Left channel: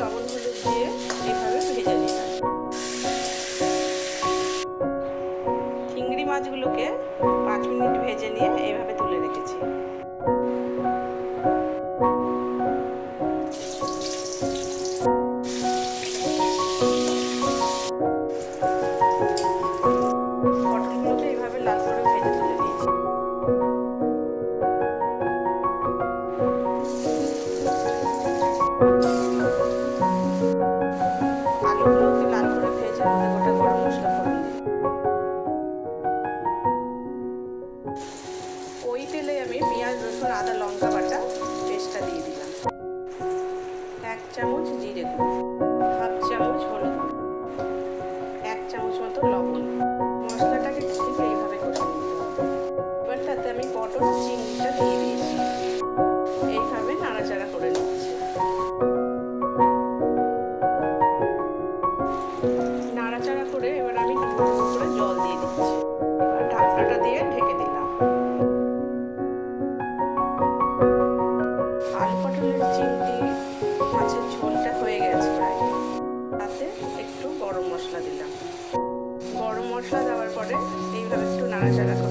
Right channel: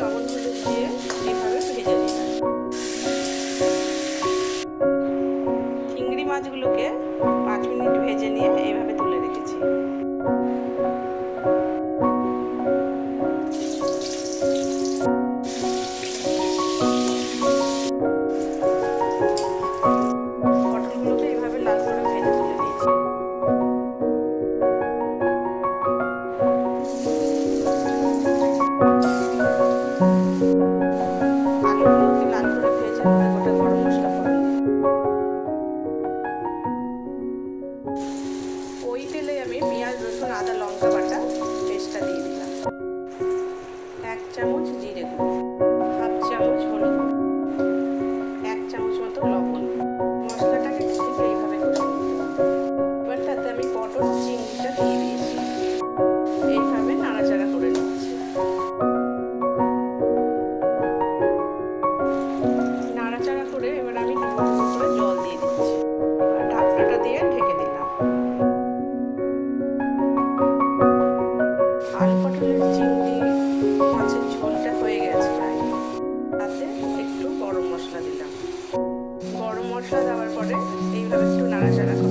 লবণ হলুদ দিয়ে এইভাবে ভেজে নিলাম। চিংড়ি মাছগুলোকে 5 মিনিট ভেজে নিয়ে এইভাবে তুলে রেখেছি। পটলগুলোকে এইভাবে লাল করে ভেজে তুলে নিয়েছি। আলুগুলোকে লাল করে ভেজে ওতে গোটা গরম মশলা ফোড়ন দিই। ওই তেলে আমি পেঁয়াজ রসুন আদা লঙ্কা বাটা পেস্টটা দিয়ে দিলাম। 1 চামচ জিরে গুঁড়ো, 1/2 চামচ হলুদ গুঁড়ো, 1 চামচ মতো লবণ। মশলাটাকে ঠিক এইভাবে কষে নিতে হবে। এবার তাতে আমি পটল চিংড়িটা দিয়ে দিয়েছি, এইভাবে নাড়াচাড়া করে নিচ্ছি। নাড়াচাড়া করে এবার আমি ডুবো ডুবো করে জল দিয়ে দিচ্ছি। এবার ঢাকনাটা দিয়ে ঢেকে দিলাম। আলু পটলের চিংড়ি মাছের ঝোলটা হয়ে গেছে প্রায়। তাতে একটু গরম মশলা দিলাম। গরম মশলা দেওয়ার পরে এইভাবে একটু নাড়াচাড়া করে